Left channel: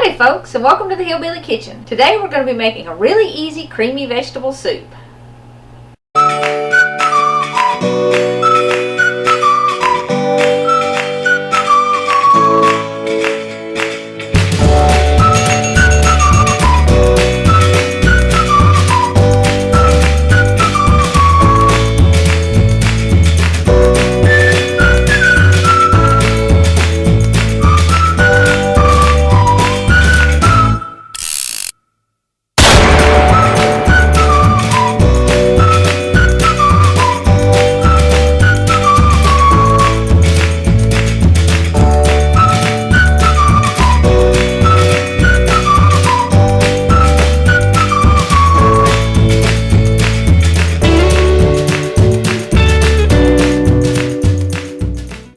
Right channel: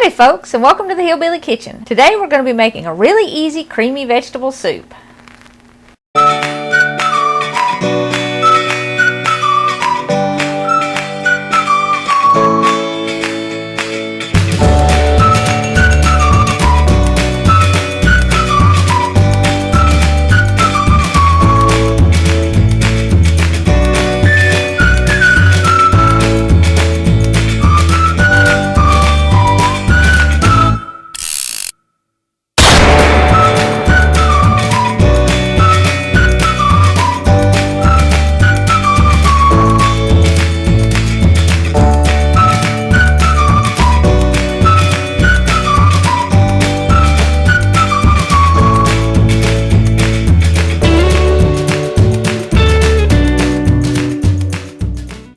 Howdy folks, and welcome to the Hillbilly Kitchen. Today we're going to be making a really easy creamy vegetable soup.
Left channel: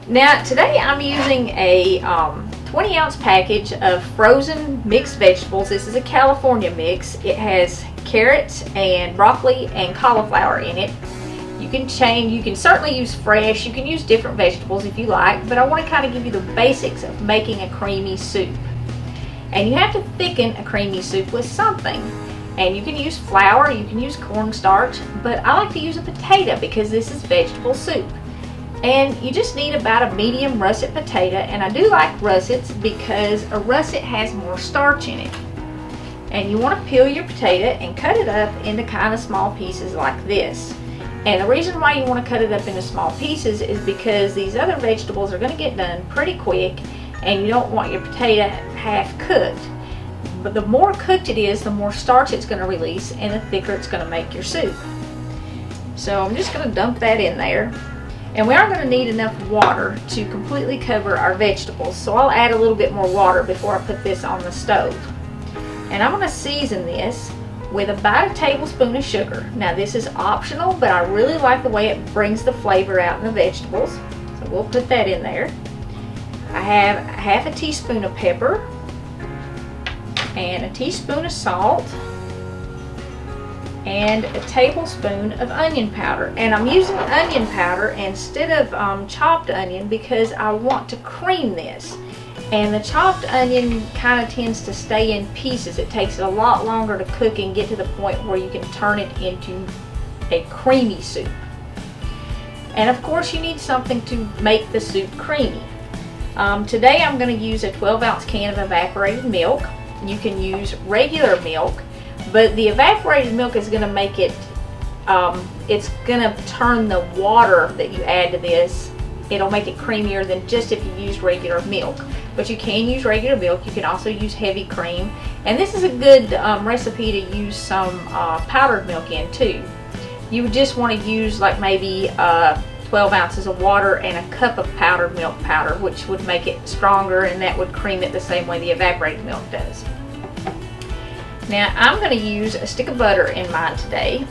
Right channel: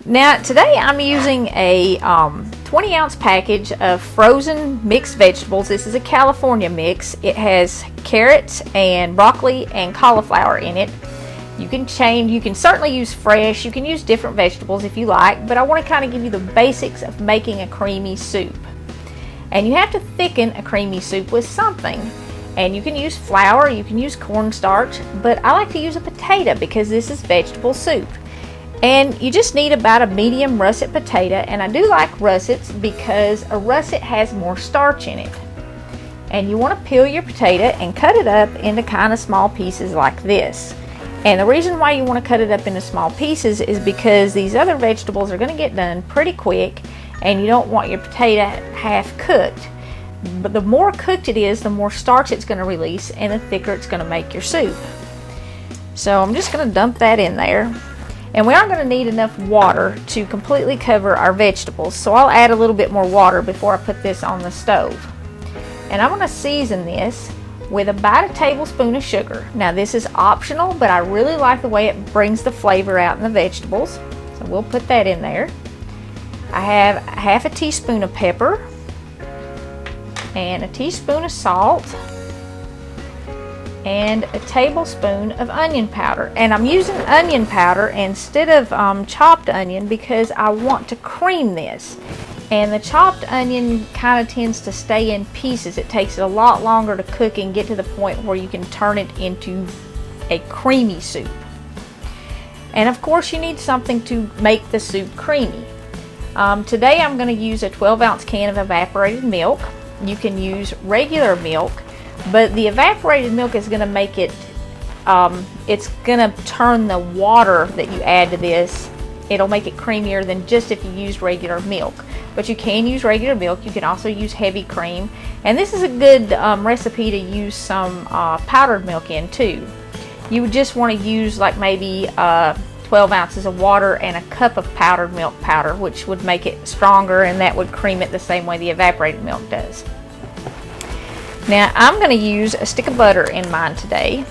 Now today I'm using a 20-ounce package of frozen mixed vegetables. This is a California mix. It has carrots and broccoli and cauliflower in it. You can certainly use fresh, you can use different vegetables if you like, but I want to kind of give you the basics of making a creamy soup. And you have to thicken a creamy soup with something. And you can use flour, you can use cornstarch, but I like to use a potato because this is vegetable soup. And you just need about a medium russet potato, and I do like russets because a russet has more starch in it. And you want to peel your potato and cut it up into kind of small pieces like this. And the reason why you want to cut it up into small pieces is because these other vegetables are going to get done pretty quick, and you don't want your potato half cooked. But the more cooked it is, the more starch it's going to release, and the thicker it's going to make your soup. So I'm just going to dump that in there. And we are going to need enough water to completely cover our vegetables, so I'll add a little bit more water before I put this on the stove. And I'm going to season this with about a tablespoon of sugar. Now this is optional, but I really like the way it brings the flavor out in the vegetables, so we'll put that in there. I have half a teaspoon of pepper and a teaspoon of salt and a tablespoon of onion powder. And I'm using onion powder instead of chopped onion because I want to cream this. And the chopped onion kind of tends to stay in pieces. It takes it a lot longer to cook and get to the point where you can turn it into a creamy soup. And of course you need something to make the soup creamy. Today I'm going to use a 12-ounce can of evaporated milk. You can use regular milk, but the evaporated milk is going to make it, it's going to turn the water that you add to this, it'll make it creamier than just if you use regular milk. But you can use regular milk, you can also use heavy cream, and this is a good recipe to use some powdered milk in too. You would just want to use like maybe 12 ounces of water and a cup of powdered milk powder, which would make it stronger, and that would cream it the same way the evaporated milk does. Now I'm going to use a stick of butter in mine today,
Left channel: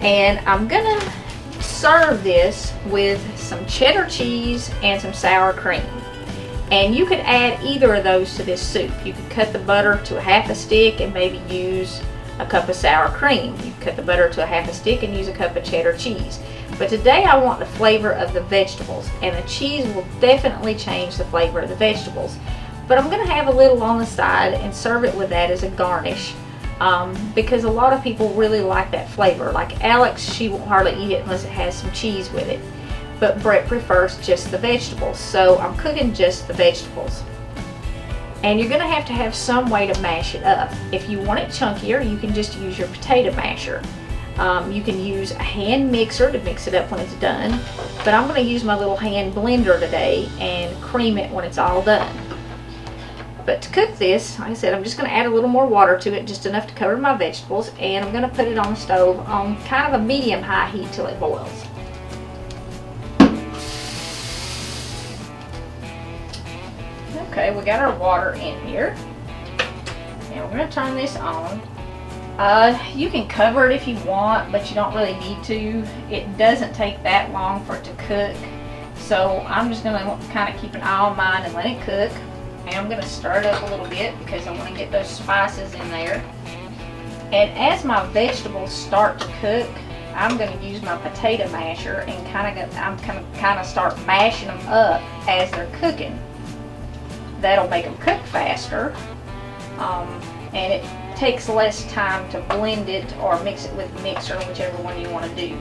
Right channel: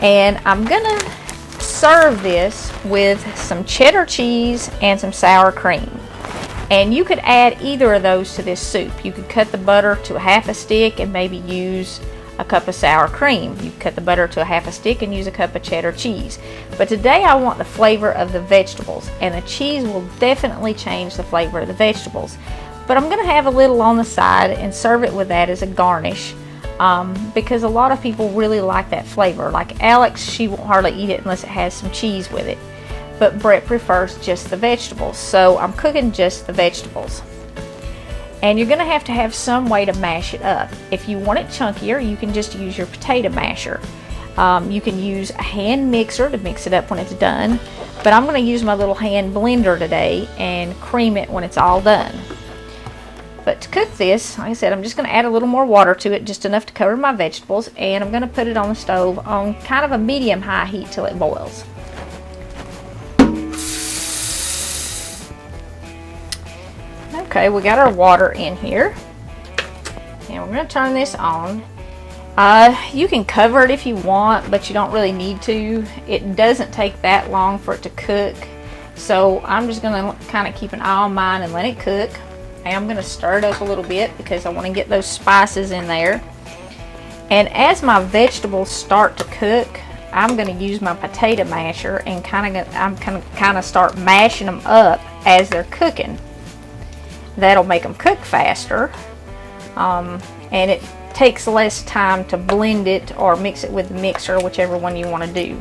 and I'm going to serve this with some cheddar cheese and some sour cream. And you could add either of those to this soup. You could cut the butter to a half a stick and maybe use a cup of sour cream. You could cut the butter to a half a stick and use a cup of cheddar cheese. But today I want the flavor of the vegetables, and the cheese will definitely change the flavor of the vegetables. But I'm going to have a little on the side and serve it with that as a garnish, because a lot of people really like that flavor. Like Alex, she won't hardly eat it unless it has some cheese with it. But Brett prefers just the vegetables, so I'm cooking just the vegetables. And you're going to have some way to mash it up. If you want it chunkier, you can just use your potato masher. You can use a hand mixer to mix it up when it's done, but I'm going to use my little hand blender today and cream it when it's all done. But to cook this, like I said, I'm just going to add a little more water to it, just enough to cover my vegetables, and I'm going to put it on the stove on kind of a medium-high heat till it boils. Okay, we got our water in here. Now we're going to turn this on. You can cover it if you want, but you don't really need to. It doesn't take that long for it to cook, so I'm just going to kind of keep an eye on mine and let it cook. I'm going to stir it up a little bit because I want to get those spices in there. And as my vegetables start to cook, I'm going to use my potato masher and kind of start mashing them up as they're cooking. That'll make them cook faster, and it takes less time to blend it or mix it with the mixer, whichever one you want to do.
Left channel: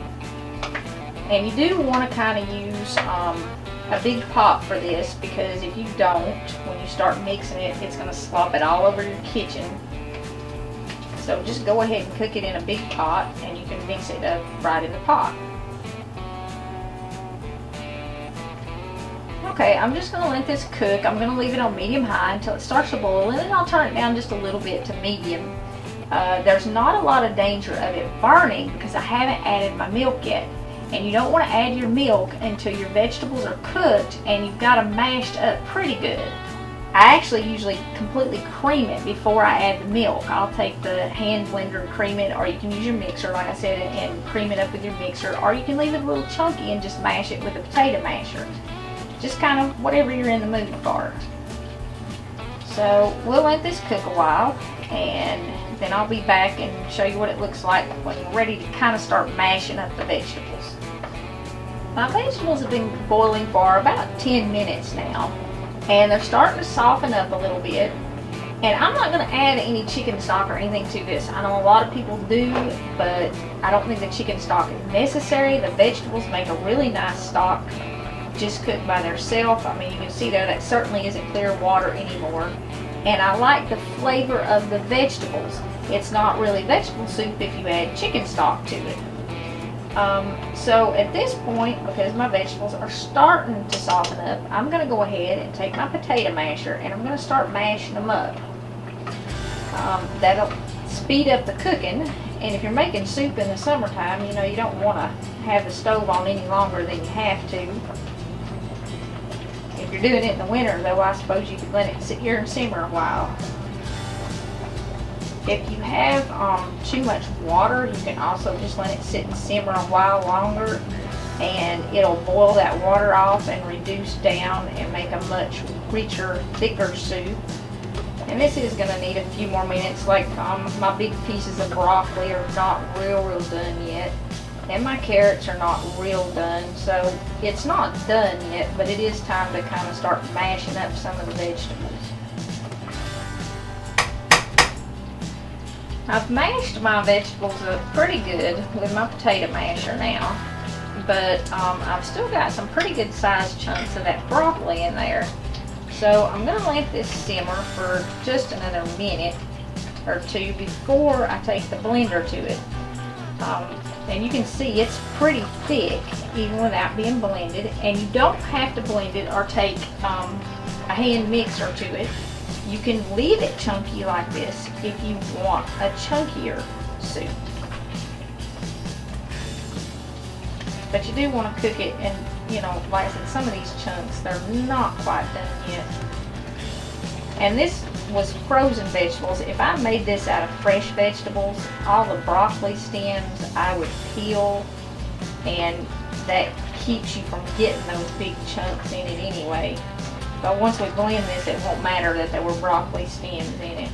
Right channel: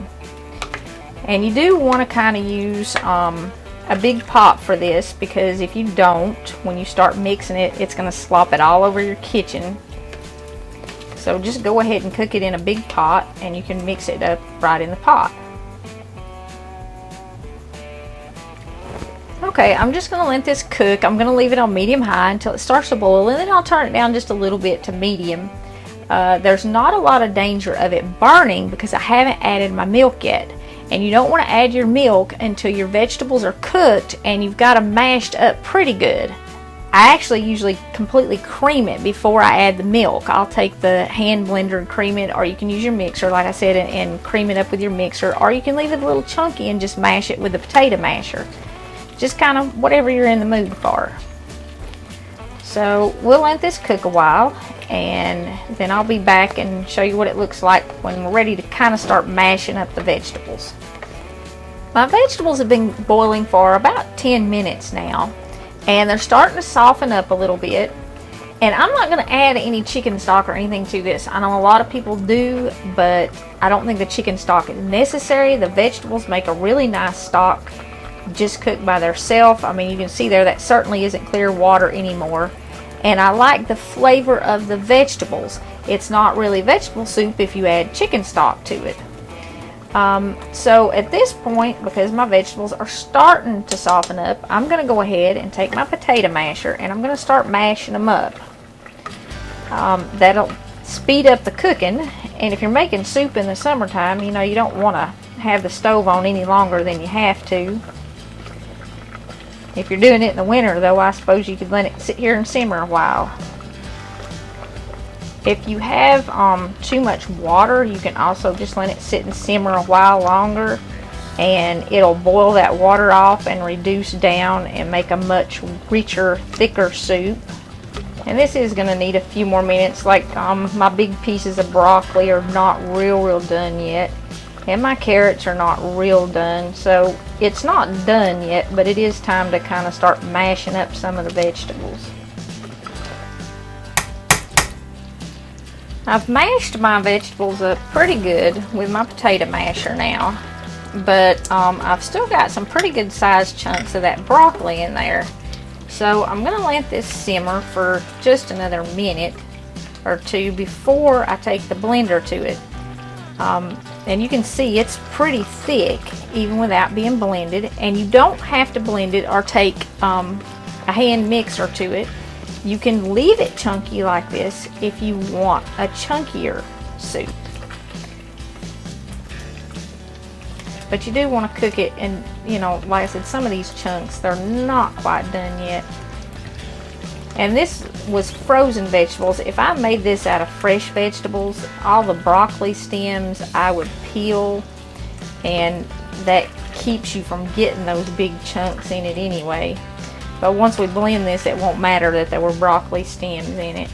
And you do want to kind of use a big pot for this, because if you don't, when you start mixing it, it's going to slop it all over your kitchen. So just go ahead and cook it in a big pot, and you can mix it up right in the pot. Okay, I'm just going to let this cook. I'm going to leave it on medium-high until it starts to boil, and then I'll turn it down just a little bit to medium. There's not a lot of danger of it burning because I haven't added my milk yet. And you don't want to add your milk until your vegetables are cooked and you've got them mashed up pretty good. I actually usually completely cream it before I add the milk. I'll take the hand blender and cream it, or you can use your mixer, like I said, and cream it up with your mixer, or you can leave it a little chunky and just mash it with the potato masher. Just kind of whatever you're in the mood for. So we'll let this cook a while, and then I'll be back and show you what it looks like when we're ready to kind of start mashing up the vegetables. My vegetables have been boiling for about 10 minutes now, and they're starting to soften up a little bit. And I'm not going to add any chicken stock or anything to this. I know a lot of people do, but I don't think the chicken stock is necessary. The vegetables make a really nice stock just cooked by themselves. I mean, you can see there that certainly isn't clear water anymore. And I like the flavor of the vegetables. It's not really vegetable soup if you add chicken stock to it. So at this point, because my vegetables are starting to soften up, I'm going to go ahead and take my potato masher and I'm going to start mashing them up. That'll speed up the cooking, and if you're making soup in the summertime, you know, you don't want to have the stove on any longer than you have to. If you're doing it in the winter, though, I suppose you could let it sit here and simmer a while. If you have too much water, you can also just let it sit and simmer a while longer, and it'll boil that water off and reduce down and make a much richer, thicker soup. And this is going to need a few more minutes. Like my big pieces of broccoli are not real done yet. And my carrots are not real done, so it's not done yet, but it is time to kind of start mashing up some of the vegetables. I've mashed my vegetables up pretty good with my potato masher now, but I've still got some pretty good sized chunks of that broccoli in there. So I'm going to let this simmer for just another minute or two before I take the blender to it. And you can see it's pretty thick even without being blended, and you don't have to blend it or take a hand mixer to it. You can leave it chunky like this if you want a chunkier soup. But you do want to cook it, and you know, like I said, some of these chunks, they're not quite done yet. And this was frozen vegetables. If I made this out of fresh vegetables, all the broccoli stems I would peel, and that keeps you from getting those big chunks in it anyway. But once we blend this, it won't matter that there were broccoli stems in it.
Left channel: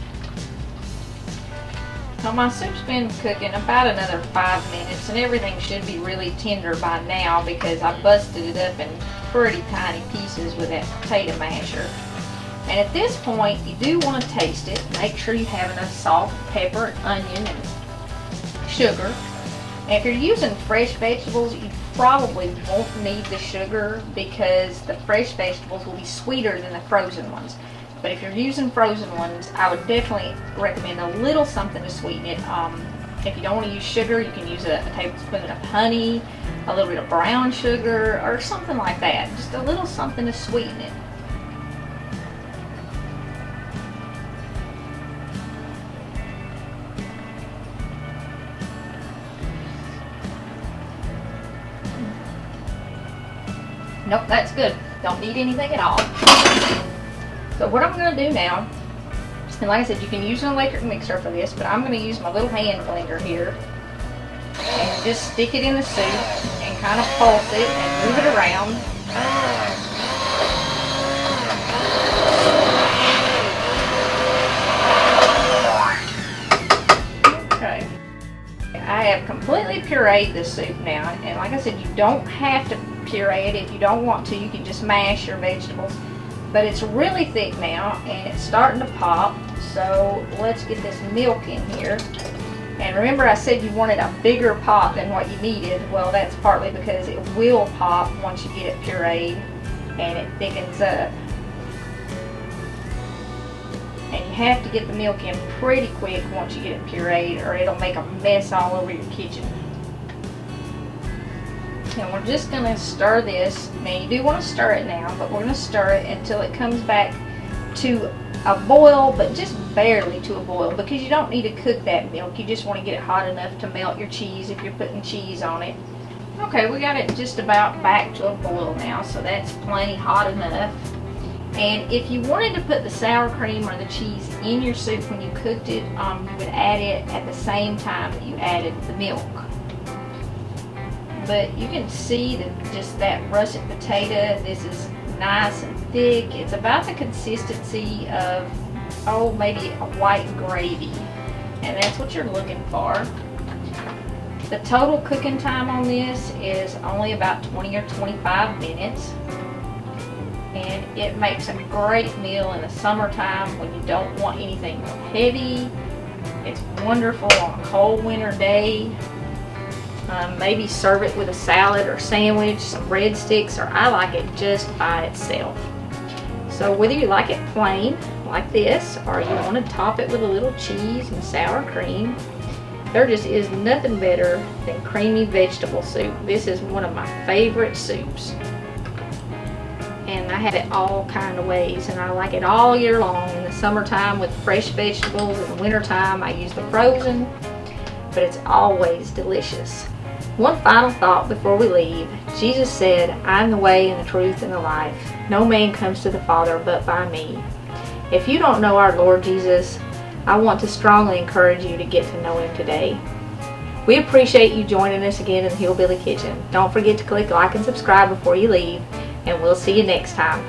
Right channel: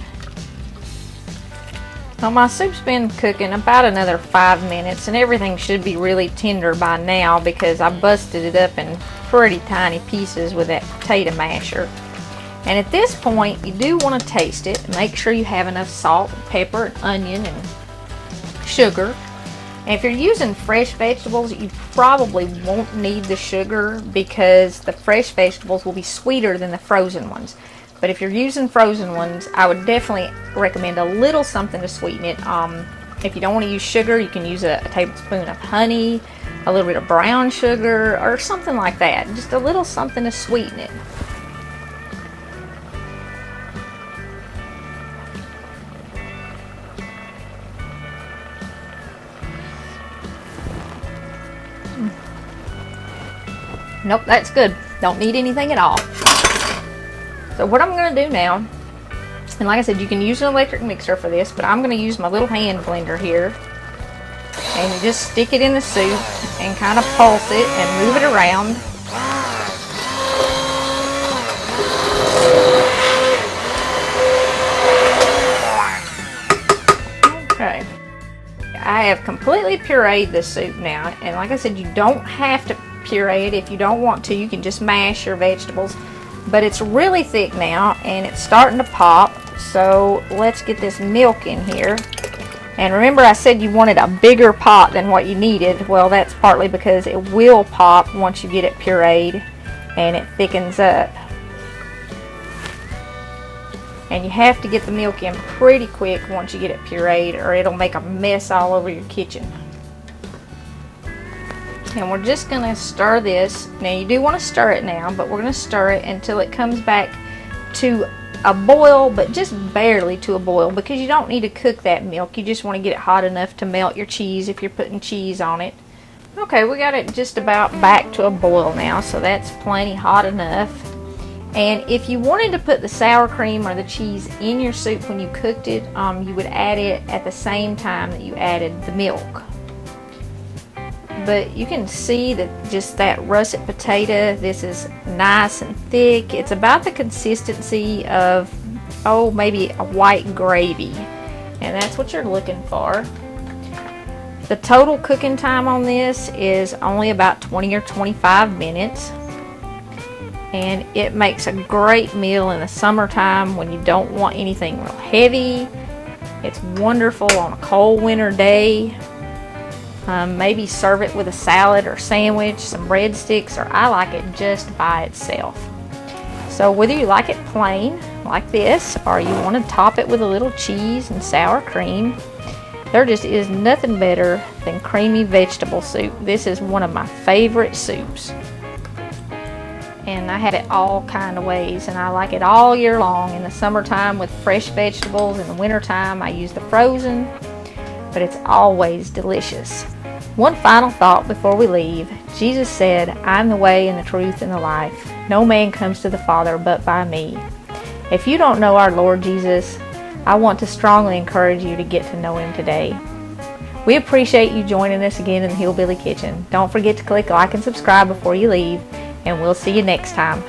Well, my soup's been cooking about another 5 minutes, and everything should be really tender by now because I busted it up in pretty tiny pieces with that potato masher. And at this point, you do want to taste it. Make sure you have enough salt, pepper, onion, and sugar. And if you're using fresh vegetables, you probably won't need the sugar because the fresh vegetables will be sweeter than the frozen ones. But if you're using frozen ones, I would definitely recommend a little something to sweeten it. If you don't want to use sugar, you can use a tablespoon of honey, a little bit of brown sugar, or something like that. Just a little something to sweeten it. Nope, that's good. Don't need anything at all. So what I'm going to do now, and like I said, you can use an electric mixer for this, but I'm going to use my little hand blender here. And you just stick it in the soup and kind of pulse it and move it around. Okay. I have completely pureed this soup now, and like I said, you don't have to puree it. If you don't want to, you can just mash your vegetables. But it's really thick now and it's starting to pop. So let's get this milk in here. And remember I said you wanted a bigger pot than what you needed. Well, that's partly because it will pop once you get it pureed and it thickens up. And you have to get the milk in pretty quick once you get it pureed, or it'll make a mess all over your kitchen. And we're just going to stir this. Now you do want to stir it now, but we're going to stir it until it comes back to a boil, but just barely to a boil, because you don't need to cook that milk. You just want to get it hot enough to melt your cheese if you're putting cheese on it. Okay, we got it just about back to a boil now, so that's plenty hot enough. And if you wanted to put the sour cream or the cheese in your soup when you cooked it, you would add it at the same time that you added the milk. But you can see that just that russet potato, this is nice and thick. It's about the consistency of, oh, maybe a white gravy. And that's what you're looking for. The total cooking time on this is only about 20 or 25 minutes. And it makes a great meal in the summertime when you don't want anything real heavy. It's wonderful on a cold winter day. Maybe serve it with a salad or sandwich, some breadsticks, or I like it just by itself. So whether you like it plain like this, or you want to top it with a little cheese and sour cream, there just is nothing better than creamy vegetable soup. This is one of my favorite soups. And I have it all kind of ways, and I like it all year long. In the summertime with fresh vegetables, in the wintertime I use the frozen, but it's always delicious. One final thought before we leave. Jesus said, "I'm the way and the truth and the life. No man comes to the Father but by me." If you don't know our Lord Jesus, I want to strongly encourage you to get to know Him today. We appreciate you joining us again in the Hillbilly Kitchen. Don't forget to click like and subscribe before you leave, and we'll see you next time.